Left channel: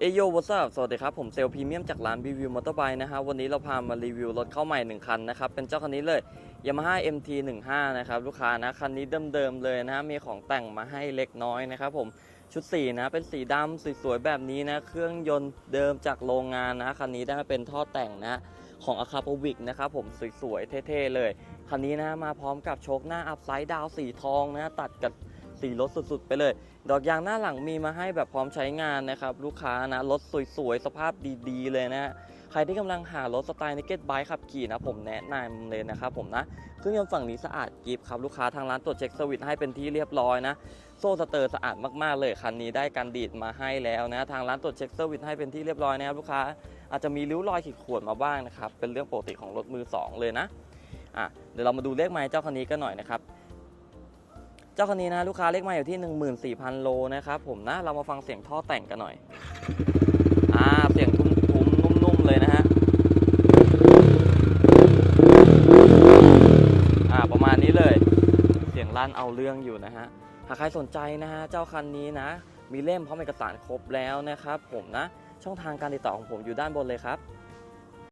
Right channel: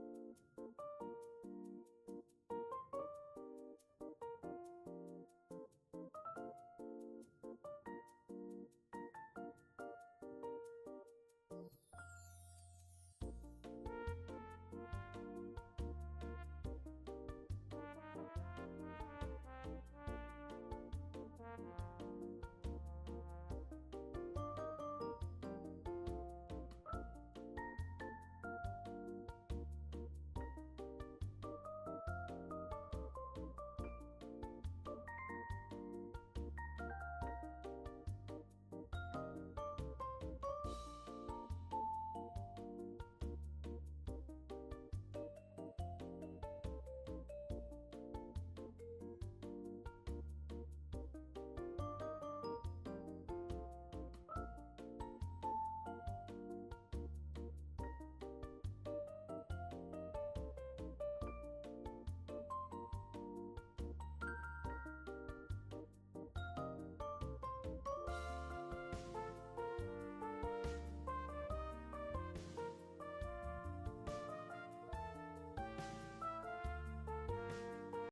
เอโยวัสดุสวัสดีครับ ผมเซลพรีเมียมจากร้านรีวิวมอเตอร์ไบค์นะฮะวันนี้เราพามารีวิวรถเข้าใหม่ 1 คันนะครับ เป็นเจ้าคันนี้เลย Yamaha MT 15 นะครับ ลูกค้านะ คันนี้เดิมๆเลยนะมีของแต่งมาให้เล็กน้อยนะครับผมชุดสีนะเป็นสีดำสวยๆแบบนี้นะ เครื่องยนต์เดิมจากโรงงานนะคันนี้ได้มาเป็นท่อแต่งนะของอาคาโปวิกนะครับผมสวยๆเท่ๆเลยคันนี้นะมาพร้อมกับโชคหน้าอัพไซด์ดาวสีทองนะตัดกับ สีรถสุดๆ ไปเลย ดอกยางหน้าหลังมีมาให้แบบพร้อมใช้งานนะครับ ลูกค้านะรถสวยๆ สภาพดีๆ เลยนะใครที่กำลังหารถสไตล์นิกเก็ตไบค์ขับขี่นะผมแนะนำเลยนะครับผมนะเครื่องยนต์ฝั่งนี้สะอาดกริบครับลูกค้าทางร้านตรวจเช็คสวิตให้เป็นที่เรียบร้อยนะโซ่สเตอร์สะอาดมากๆเลยคันนี้ได้การดีดมาให้แล้วนะทางร้านตรวจเช็คเซอร์วิสให้เป็นที่เรียบร้อยนะครับลูกค้าอาจจะมีริ้วรอยขีดข่วนมาบ้างนะครับเป็นเรื่องปกติของรถมือสองเลยนะอะเดี๋ยวเรามาดูเลขไมล์เจ้าคันนี้กันหน่อยนะครับ เจ้าคันนี้นะลูกค้าเลขไมาอยู่ที่ 14,000 โลนะครับผมนะเรามาฟังเสียงท่อแต่งกันหน่อยอ่าเสียงทุ้มๆนุ่มๆเลยนะฮะอ่าประมาณนี้เลย เสียงลั่นเอาเรื่องอยู่นะฮะหากใครสนใจนะฮะเจ้าคันนี้นะ มีเล่มพร้อมเอกสารครบแล้วนะครับผมนะช่องทางการติดต่อของผมอยู่ด้านบนเลยครับ